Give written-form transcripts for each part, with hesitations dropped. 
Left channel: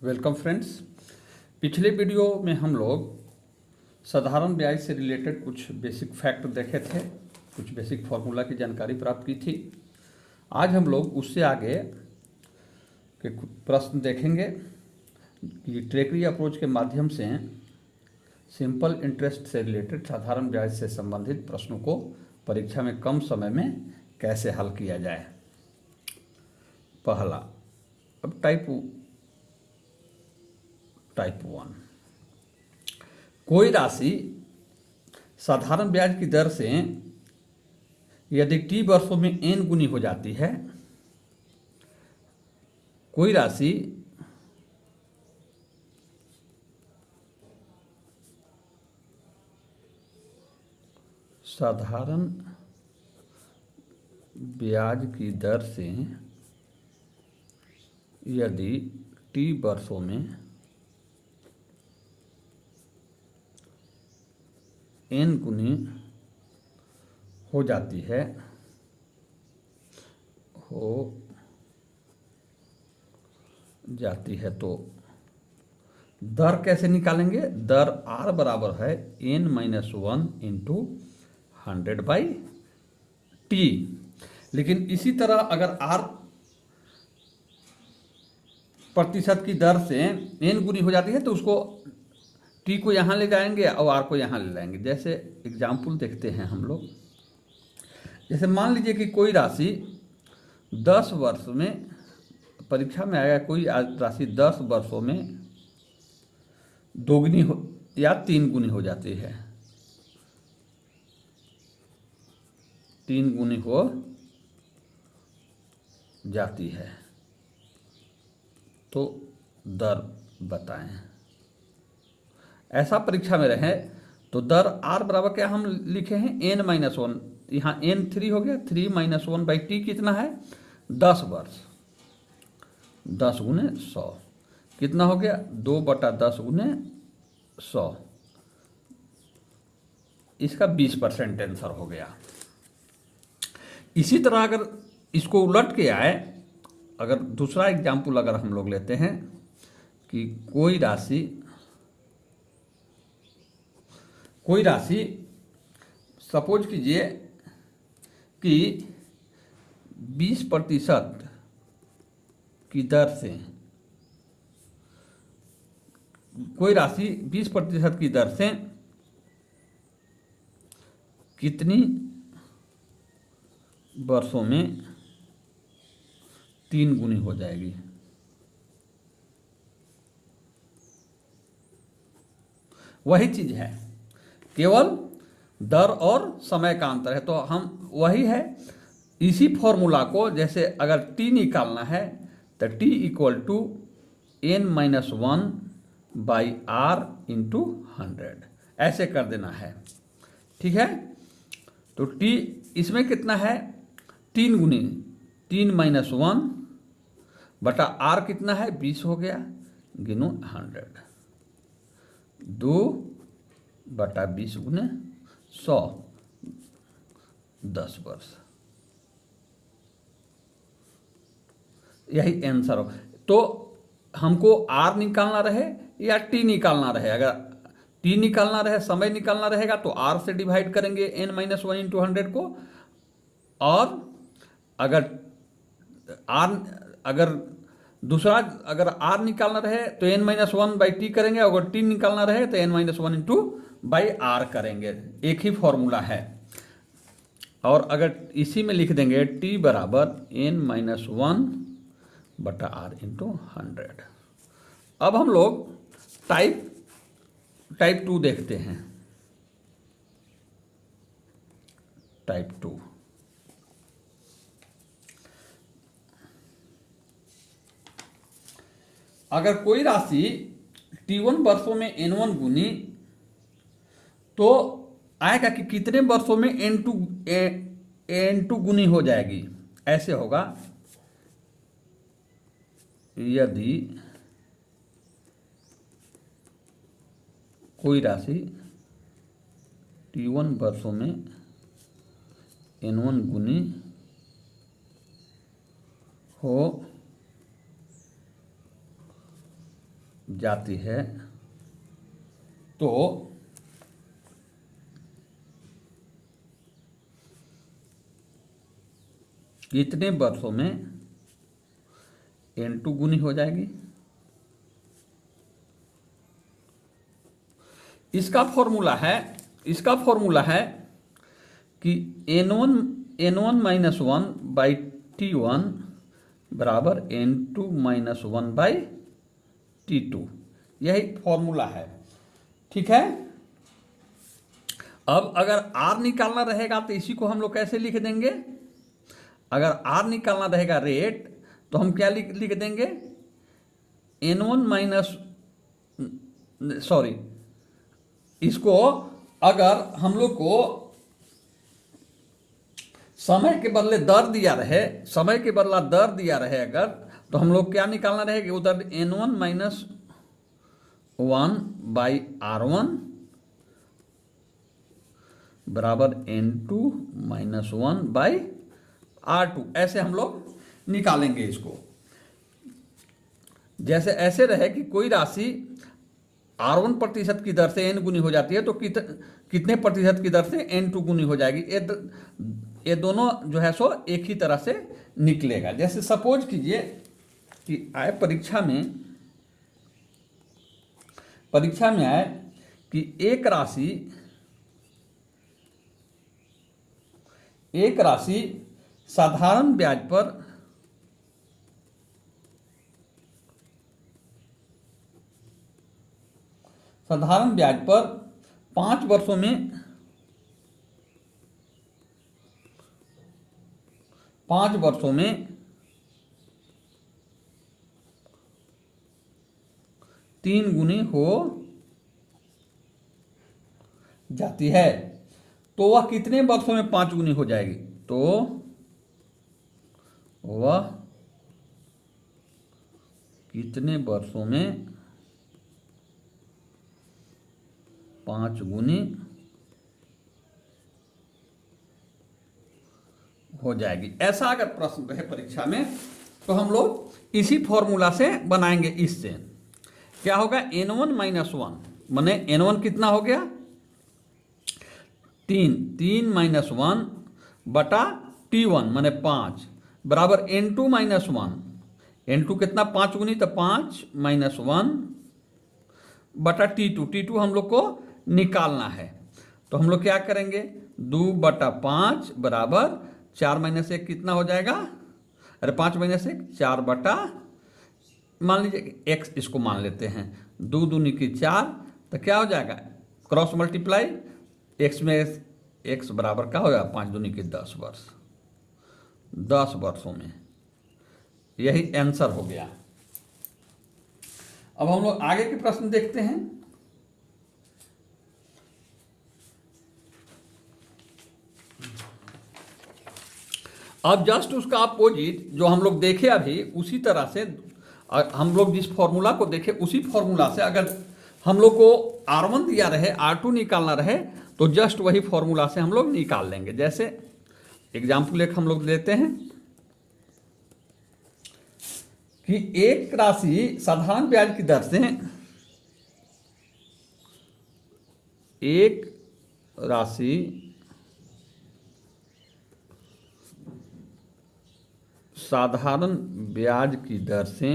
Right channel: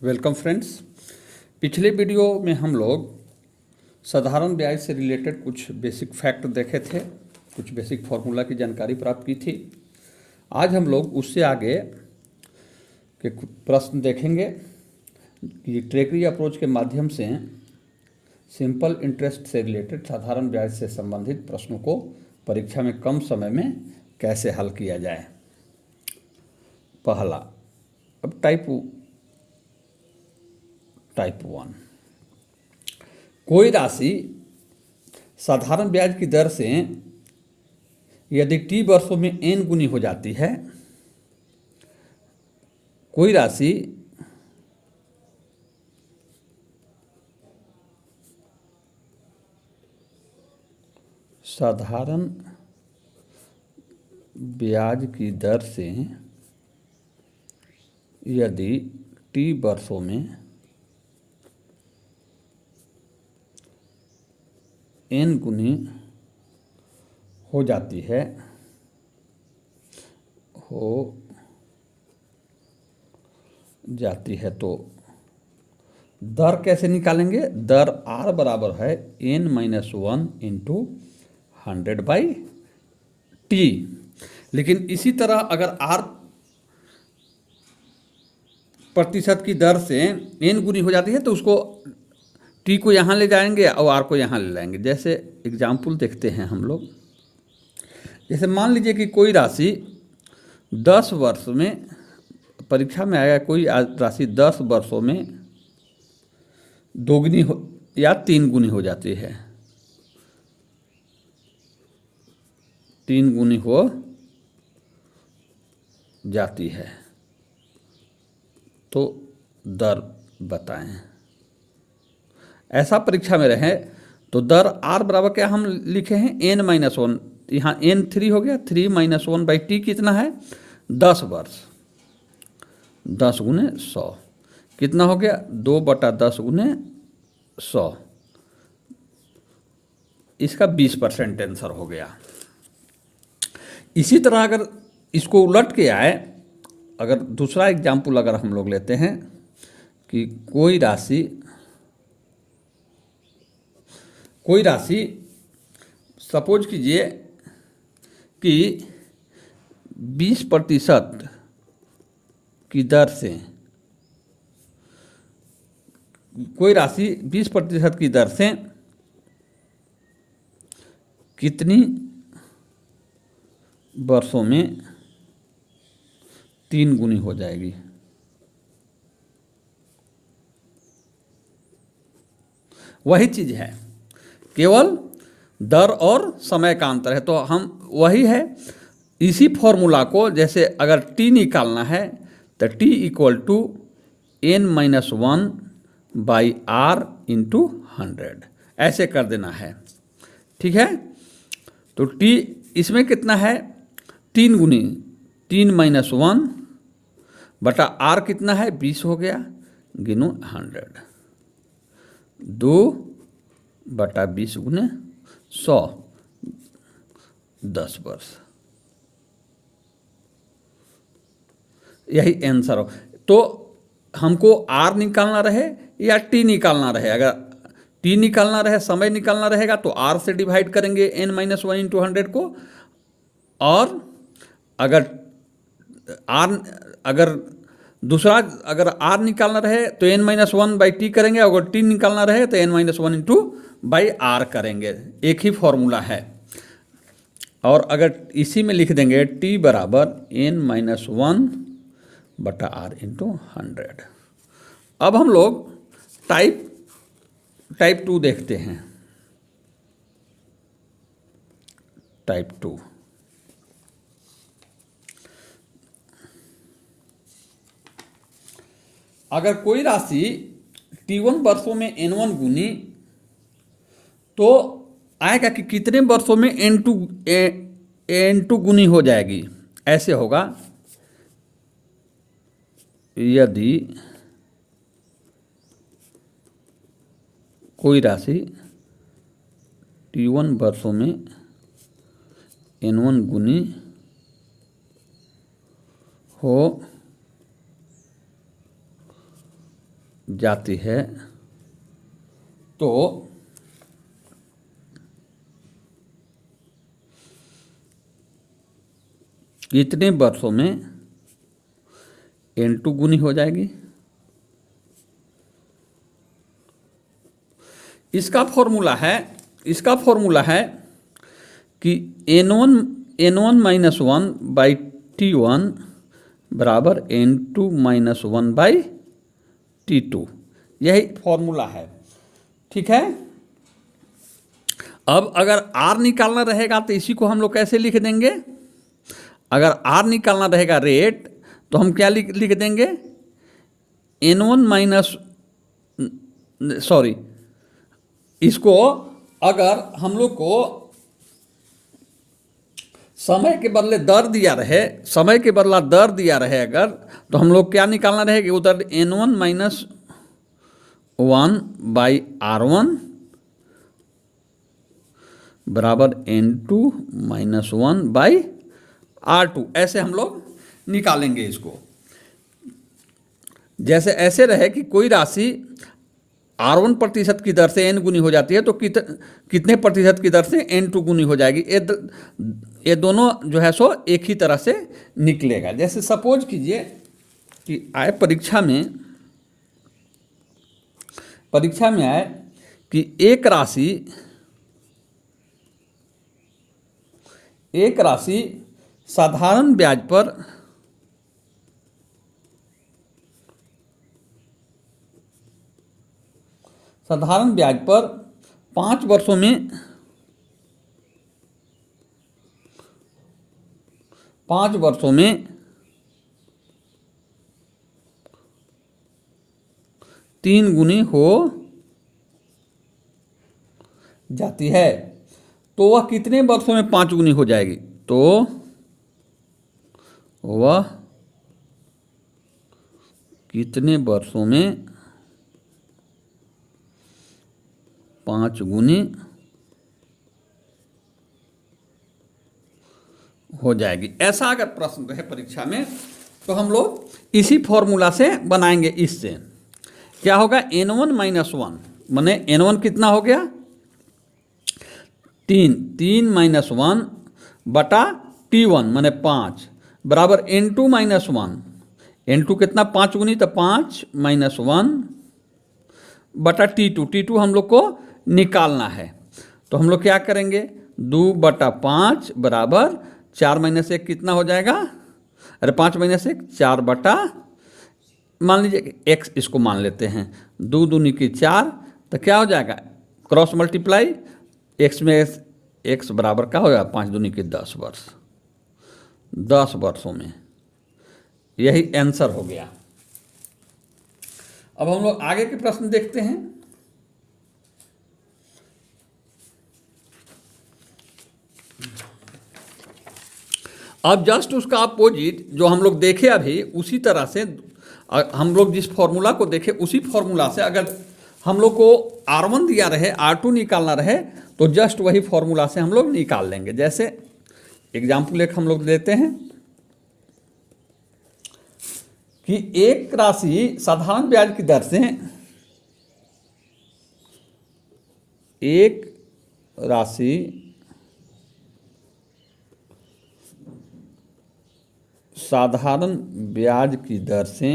Welcome friends. पिछले video में हम लोग साधारण ब्याज से रिलेटेड कुछ बेसिक फैक्ट देखे थे, कुछ बेसिक फार्मूला की जानकारी प्राप्त की थी। आज हम लोग उससे आगे के कुछ प्रश्न देखेंगे कि ट्रेकरी अप्रोच के माध्यम से सिंपल इंटरेस्ट से रिलेटेड साधारण ब्याज से संबंधित प्रश्नों को परीक्षा में कम समय में कैसे हल किया जाए। पहला, अब टाइप 1, कोई राशि साधारण ब्याज की दर से यदि टी वर्षों में n गुनी हो जाती है, कोई राशि साधारण ब्याज की दर से यदि टी वर्षों में n गुनी हो जाती है तो दर कैसे निकालेंगे। दर R बराबर है n-1 इंटू 100/t। लेकिन इसी तरह अगर R प्रतिशत की दर से n गुनी हो जाती है तो उसको t को यहाँ ले जाएंगे और R को यहाँ ले लाएंगे। जैसे एग्जाम्पल देखते हैं हम लोग। जैसे मान लीजिए कि कोई राशि 10 वर्ष में, परीक्षा में आएगा, कोई राशि 10 वर्षों में दोगुनी हो या 3 गुनी हो जाती है, 3 गुनी हो जाती है तो दर बताएं। ऐसा परीक्षा में रहे तो दर R बराबर क्या हम लिखे हैं n-1, यहाँ n 3 हो गया, 3-1/t कितना है 10 वर्ष, 10 गुने 100 कितना हो गया 2/10 गुने 100, इसका 20% आंसर हो गया। इसी तरह अगर इसको उलट के आए, अगर दूसरा एग्जाम्पल अगर हम लोग लेते हैं कि कोई राशि सपोज कीजिए कि 20% की दर से, कोई राशि 20% की दर से कितनी वर्षों में 3 गुनी हो जाएगी। वही चीज है, केवल दर और समय का अंतर है। तो हम वही है, इसी फॉर्मूला को जैसे अगर t निकालना है तो t = n-1/r इंटू 100 ऐसे कर देना है, ठीक है। तो t इसमें कितना है 3 गुनी, 3-1/r कितना है 20 हो गया, गिनो 100, 2/20 गुने 100, 10 वर्ष, यही आंसर हो। तो हमको R निकालना रहे या T निकालना रहे, अगर T निकालना रहे, समय निकालना रहेगा तो R से डिवाइड करेंगे n-1 इंटू 100 को, और अगर दूसरा अगर R निकालना रहे तो n-1/t करेंगे, अगर T निकालना रहे तो n-1 इंटू r करेंगे। एक ही फॉर्मूला है। और अगर इसी में लिख देंगे T बराबर n-1/r इंटू 100। अब हम लोग टाइप 2 देखते हैं। टाइप 2, अगर कोई राशि T1 वर्षों में n1 गुनी, तो आएगा कि कितने वर्षों में n2 गुनी हो जाएगी। ऐसे होगा, यदि कोई राशि T1 वर्षों में n1 गुनी हो जाती है तो कितने वर्षों में N2 गुनी हो जाएगी? इसका फॉर्मूला है कि N1 minus one by T1 बराबर N2 minus one by T2, यही फॉर्मूला है। ठीक है। अब अगर R निकालना रहेगा तो इसी को हम लोग कैसे लिख देंगे? अगर R निकालना रहेगा रेट, तो हम क्या लिख देंगे? N1 माइनस इसको अगर हम लोग को समय के बदले दर दिया रहे अगर, तो हम लोग क्या निकालना रहेगा? उधर N1 minus one by R1 बराबर N2 minus one by R2, ऐसे हम लोग निकालेंगे इसको। जैसे ऐसे रहे कि कोई राशि R1 प्रतिशत की दर से N गुनी हो जाती है, तो कितने प्रतिशत की दर से N2 गुनी हो जाएगी? ये दोनों जो है सो एक ही तरह से निकलेगा। जैसे सपोज कीजिए कि आए परीक्षा में आए कि एक राशि साधारण ब्याज पर साधारण ब्याज पर 5 वर्षों में 3 गुनी हो जाती है, तो वह कितने वर्षों में 5 गुनी हो जाएगी? तो वह कितने वर्षों में 5 गुनी हो जाएगी। ऐसा अगर प्रश्न है परीक्षा में, तो हम लोग इसी फॉर्मूला से बनाएंगे। इससे क्या होगा? N1 माइनस वन माने N1 कितना हो गया? 3 माइनस वन बटा T1 माने 5 बराबर N2 माइनस वन। N2 कितना? 5 गुनी, तो 5 माइनस वन बटा T2 हम लोग को निकालना है। तो हम लोग क्या करेंगे? 2/5 बराबर 4 माइनस 1 कितना हो जाएगा? अरे 5 माइनस 1 4 बटा, मान लीजिए x इसको मान लेते हैं, 2 दूनी की 4, तो क्या हो जाएगा? क्रॉस मल्टीप्लाई, x में x बराबर क्या हो जाएगा? 5 दूनी की 10 वर्ष, 10 वर्षों में। यही आंसर हो गया। अब हम लोग आगे के प्रश्न देखते हैं। अब जस्ट उसका अपोजिट जो हम लोग देखे अभी, उसी तरह से हम लोग जिस फॉर्मूला को देखे उसी फॉर्मूला से अगर हम लोग को R1 दिया रहे, R2 निकालना रहे, तो जस्ट वही फॉर्मूला से हम लोग निकाल लेंगे। जैसे एग्जाम्पल एक हम लोग लेते हैं कि एक राशि साधारण ब्याज की दर से साधारण ब्याज की दर से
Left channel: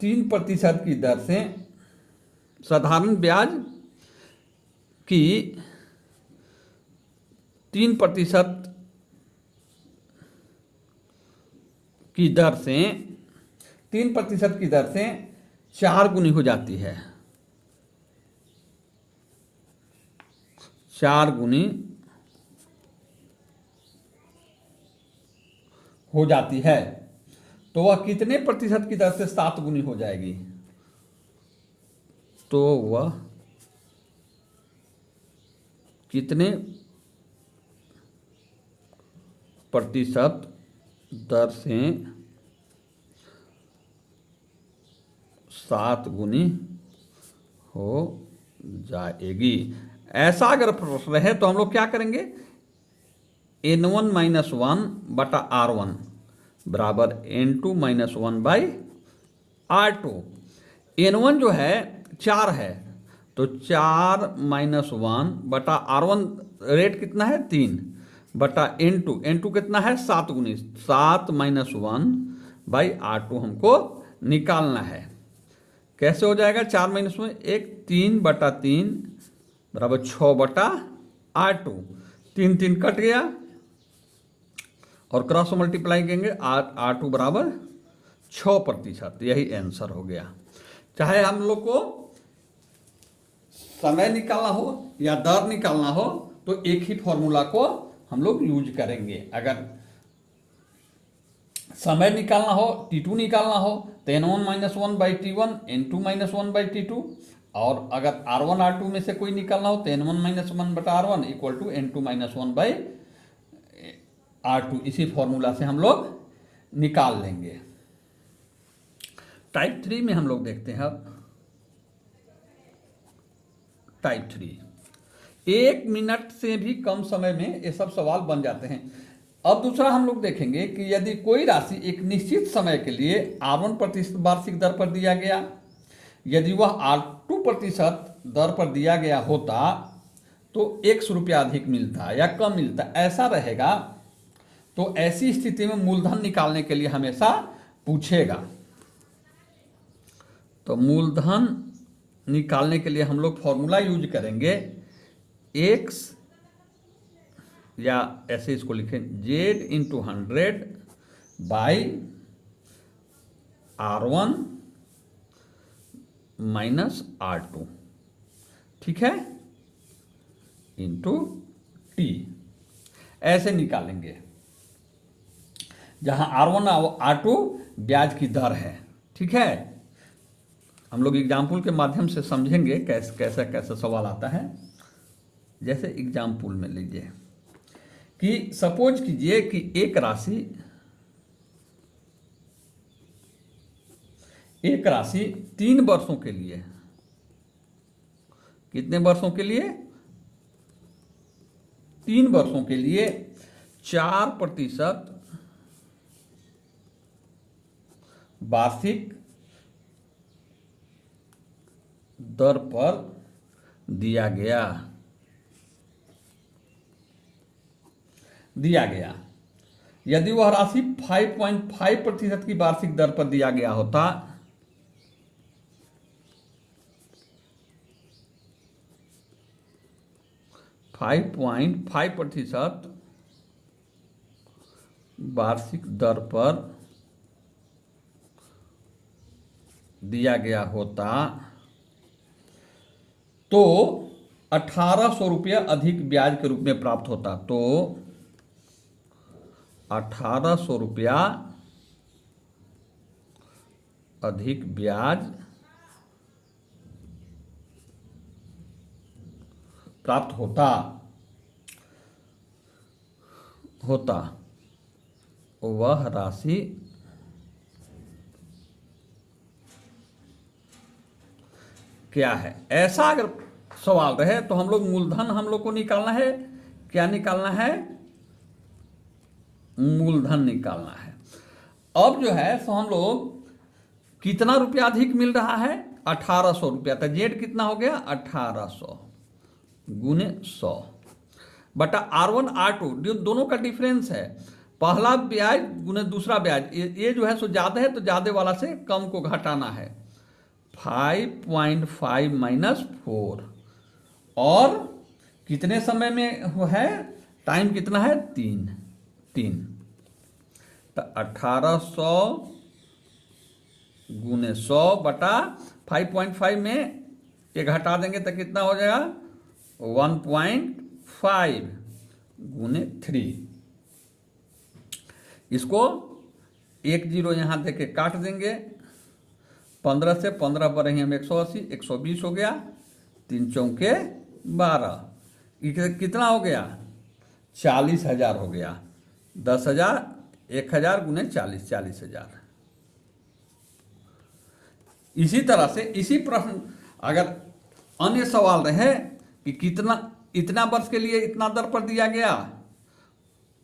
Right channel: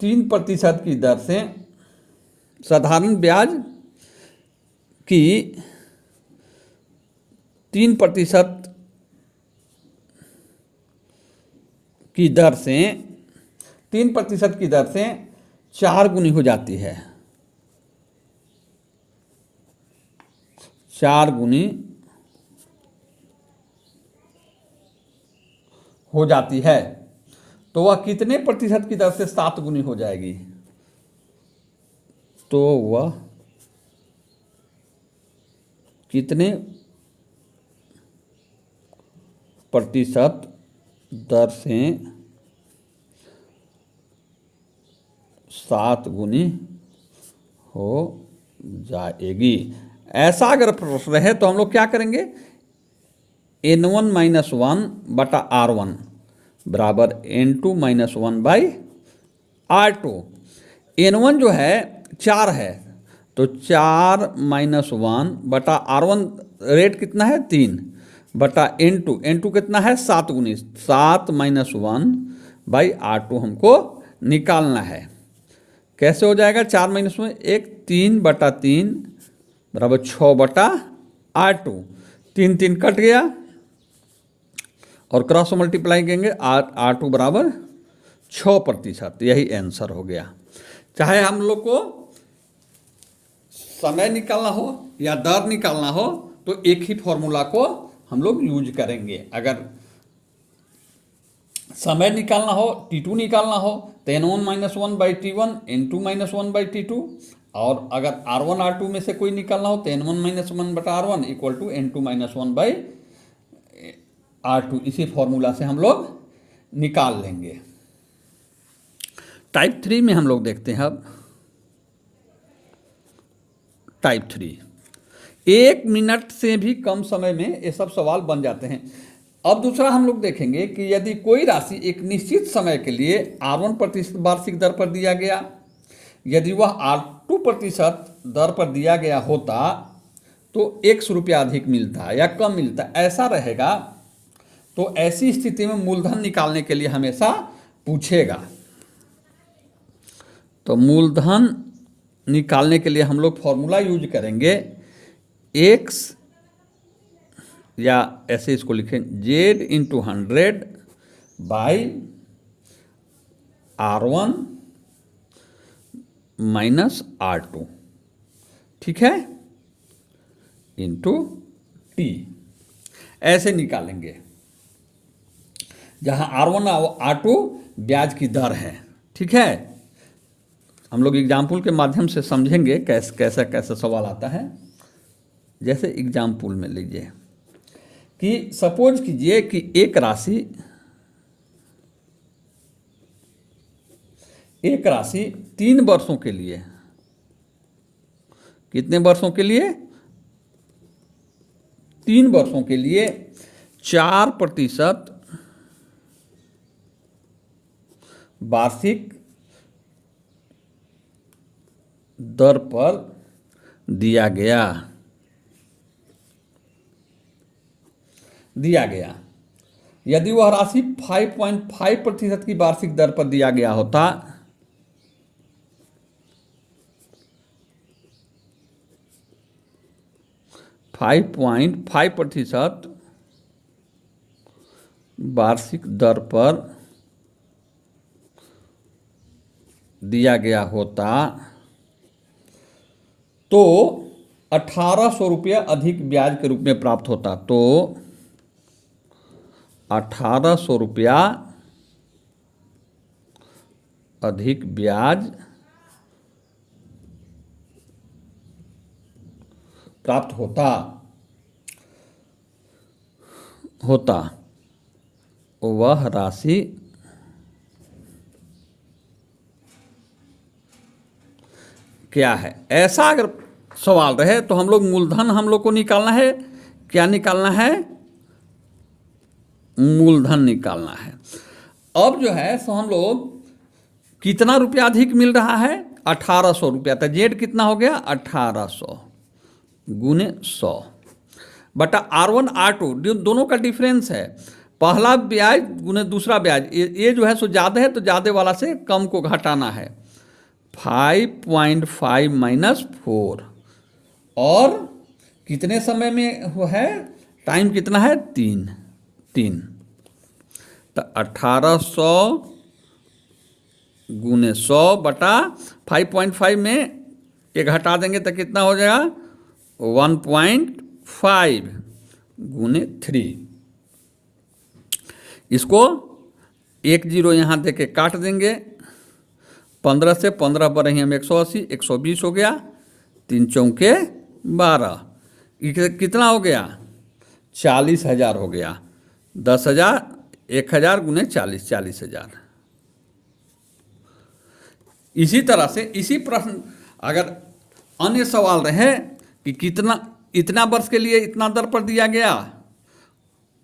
3% की दर से साधारण ब्याज की 3% की दर से 3% की दर से 4 गुनी हो जाती है, 4 गुनी हो जाती है, तो वह कितने प्रतिशत की दर से 7 गुनी हो जाएगी? तो वह कितने प्रतिशत दर से 7 गुनी हो जाएगी? ऐसा अगर प्रश्न रहे तो हम लोग क्या करेंगे? N1 माइनस वन बटा R1 बराबर N2 minus one by R2। N1 जो है 4 है, तो 4 - 1 बटा R1 रेट कितना है 3 बटा N2 कितना है 7 गुनी 7 - 1 बाई R2 हमको निकालना है। कैसे हो जाएगा 4 - 1 3 बटा 3 बराबर 6 बटा R2, 3 3 कट गया और क्रॉस मल्टीप्लाई करेंगे R2 बराबर 6%, यही आंसर हो गया। चाहे हम लोग को समय निकालना हो या दर निकालना हो तो एक ही फॉर्मूला को हम लोग यूज करेंगे। अगर समय निकालना हो T2 निकालना हो तो N1 - 1 by T1 N2 - 1 by T2, और अगर R1 R2 में से कोई निकालना हो तो N1 - 1 बटा R1 equal to N2 - 1 by R2। इसी फॉर्मूला से हम लोग निकाल लेंगे। टाइप 3 में हम लोग देखते हैं अब टाइप 3, 1 मिनट से भी कम समय में ये सब सवाल बन जाते हैं। अब दूसरा हम लोग देखेंगे कि यदि कोई राशि एक निश्चित समय के लिए R1% वार्षिक दर पर दिया गया, यदि वह R2% दर पर दिया गया होता तो ₹100 अधिक मिलता या कम मिलता, ऐसा रहेगा। तो ऐसी स्थिति में मूलधन निकालने के लिए हमेशा पूछेगा। तो मूलधन निकालने के लिए हम लोग फॉर्मूला यूज करेंगे x, या ऐसे इसको लिखें Z × 100 by R1 minus R2, ठीक है, इंटू T। ऐसे निकालेंगे जहां R1 और R2 ब्याज की दर है, ठीक है। हम लोग एग्जाम्पल के माध्यम से समझेंगे कैसे कैसे सवाल आता है। जैसे एग्जाम्पल में लीजिए कि सपोज कीजिए कि एक राशि 3 वर्षों के लिए, कितने वर्षों के लिए 3 वर्षों के लिए 4% वार्षिक दर पर दिया गया। यदि वह राशि 5.5% की वार्षिक दर पर दिया गया होता, %5 वार्षिक दर पर दिया गया होता तो ₹1800 अधिक ब्याज के रूप में प्राप्त होता। तो ₹1800 अधिक ब्याज प्राप्त होता वह राशि क्या है। ऐसा अगर सवाल रहे तो हम लोग मूलधन हम लोग को निकालना है। क्या निकालना है? मूलधन निकालना है। अब जो है सो हम लोग कितना रुपया अधिक मिल रहा है? ₹1800। तो जेड कितना हो गया? 1800 गुने 100 बटा R1 R2 दोनों का डिफरेंस है। पहला ब्याज गुने दूसरा ब्याज, ये जो है सो ज़्यादा है तो ज़्यादा वाला से कम को घटाना है। 5.5 माइनस 4, और कितने समय में वो है? टाइम कितना है? 3। तो 1800 गुने 100 बटा 5.5 में ये घटा देंगे तो कितना हो जाएगा? 1.5 गुने 3। इसको 1 0 यहाँ दे के काट देंगे। 15 से 15 पर ही हम 180, 120 हो गया। 3 चौके 12, कितना हो गया? 40,000 हो गया। 10,000 1,000 गुने 40, 40,000। इसी तरह से इसी प्रश्न अगर अन्य सवाल रहे कि कितना इतना वर्ष के लिए इतना दर पर दिया गया,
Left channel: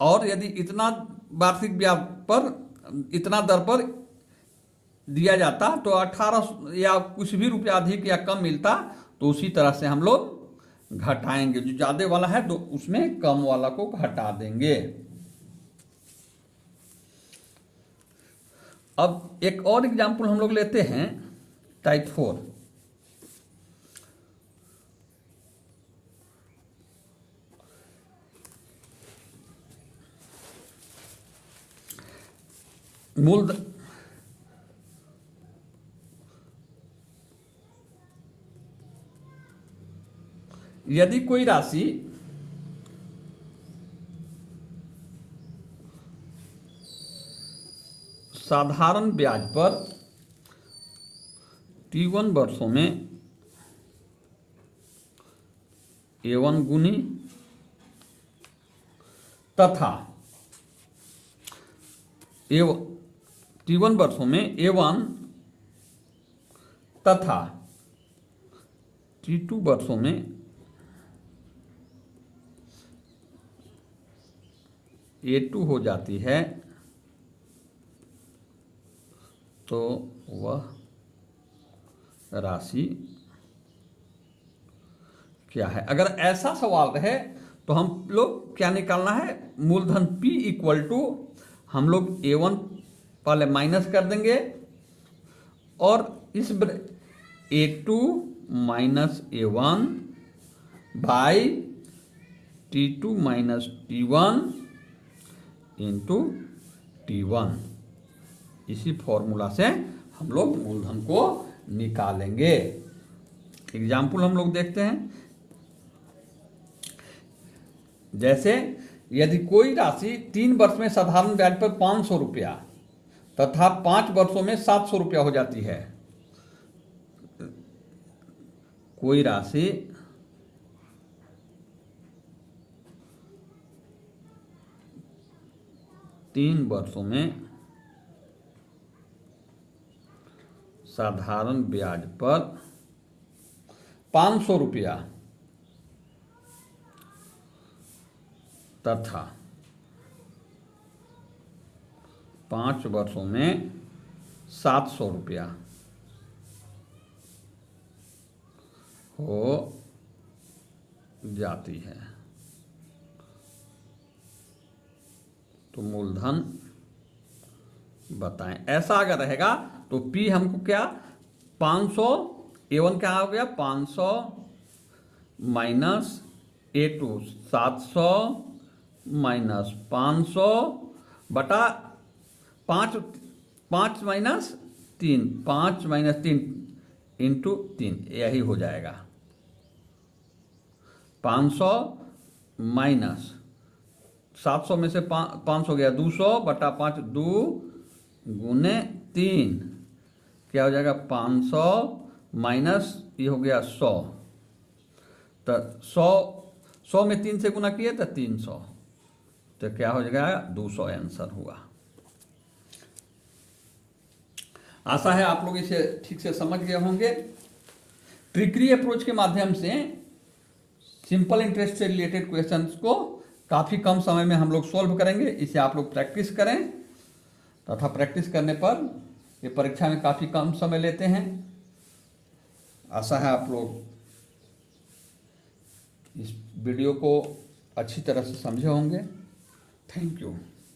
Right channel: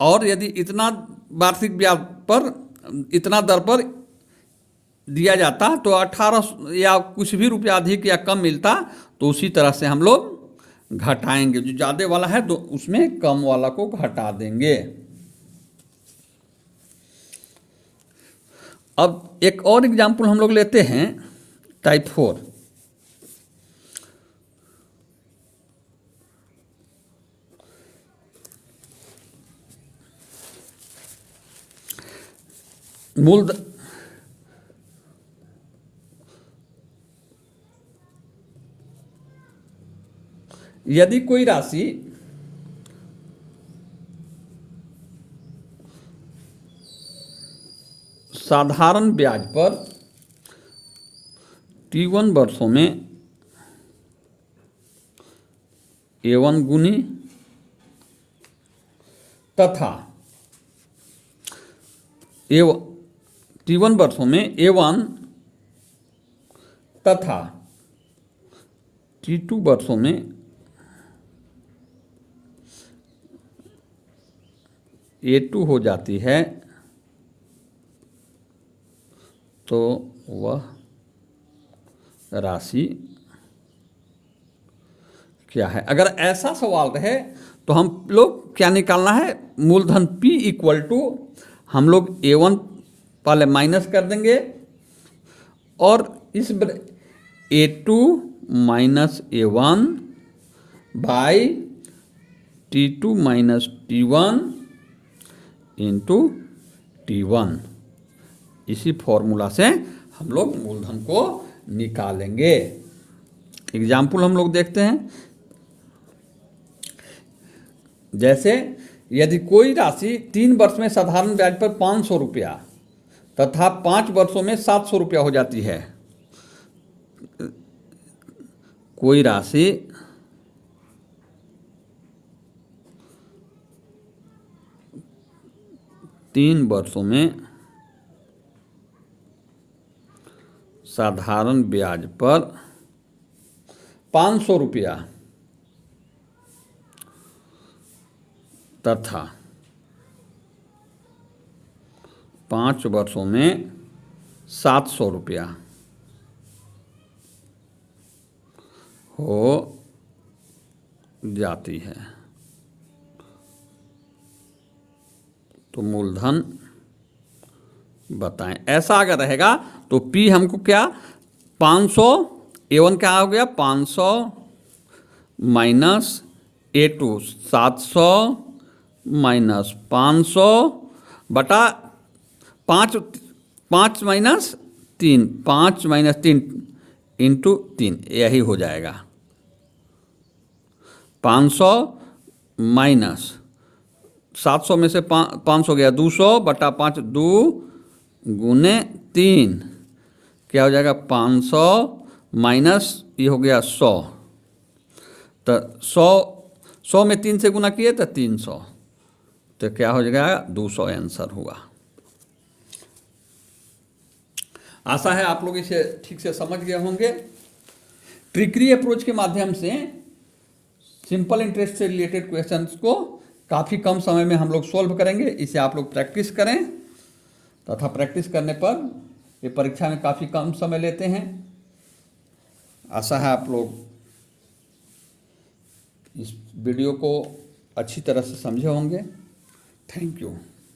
और यदि इतना वार्षिक ब्याज पर इतना दर पर दिया जाता तो 18 या कुछ भी रुपया अधिक या कम मिलता तो उसी तरह से हम लोग घटाएंगे। जो ज़्यादा वाला है तो उसमें कम वाला को घटा देंगे। अब एक और एग्जाम्पल हम लोग लेते हैं टाइप 4। मूलधन यदि कोई राशि साधारण ब्याज पर T1 वर्षों में A1 गुनी तथा T1 वर्षों में A1 तथा T2 वर्षों में A2 हो जाती है तो वह राशि क्या है। अगर ऐसा सवाल रहे तो हम लोग क्या निकालना है, मूलधन P इक्वल टू हम लोग A1 पहले माइनस कर देंगे और इस A2 minus A1 by T2 minus T1 into T1, इसी फॉर्मूला से हम लोग मूलधन को निकालेंगे। एग्जाम्पल हम लोग देखते हैं। जैसे यदि कोई राशि 3 वर्ष में साधारण ब्याज पर 500 रुपया तथा 5 वर्षों में 700 रुपया हो जाती है। कोई राशि तीन वर्षों में साधारण ब्याज पर 500 रुपया तथा 5 वर्षों में 700 रुपया हो जाती है तो मूलधन बताएं। ऐसा अगर रहेगा तो P हमको क्या 500, A1 क्या हो गया 500 माइनस A2 700 माइनस 500 बटा 5 माइनस 3 5 माइनस 3 इंटू 3, यही हो जाएगा 500 माइनस 700 में से 500 गया 200 बटा 5 2 गुने 3 क्या हो जाएगा 500 माइनस ये हो गया 100 तो 100 में 3 से गुना किए तो 300 तो क्या हो जाएगा 200 आंसर हुआ। आशा है आप लोग इसे ठीक से समझ गए होंगे। ट्रिकरी अप्रोच के माध्यम से सिंपल इंटरेस्ट से रिलेटेड क्वेश्चंस को काफ़ी कम समय में हम लोग सॉल्व करेंगे। इसे आप लोग प्रैक्टिस करें तथा प्रैक्टिस करने पर ये परीक्षा में काफ़ी कम समय लेते हैं। आशा है आप लोग इस वीडियो को अच्छी तरह से समझे होंगे। Thank you.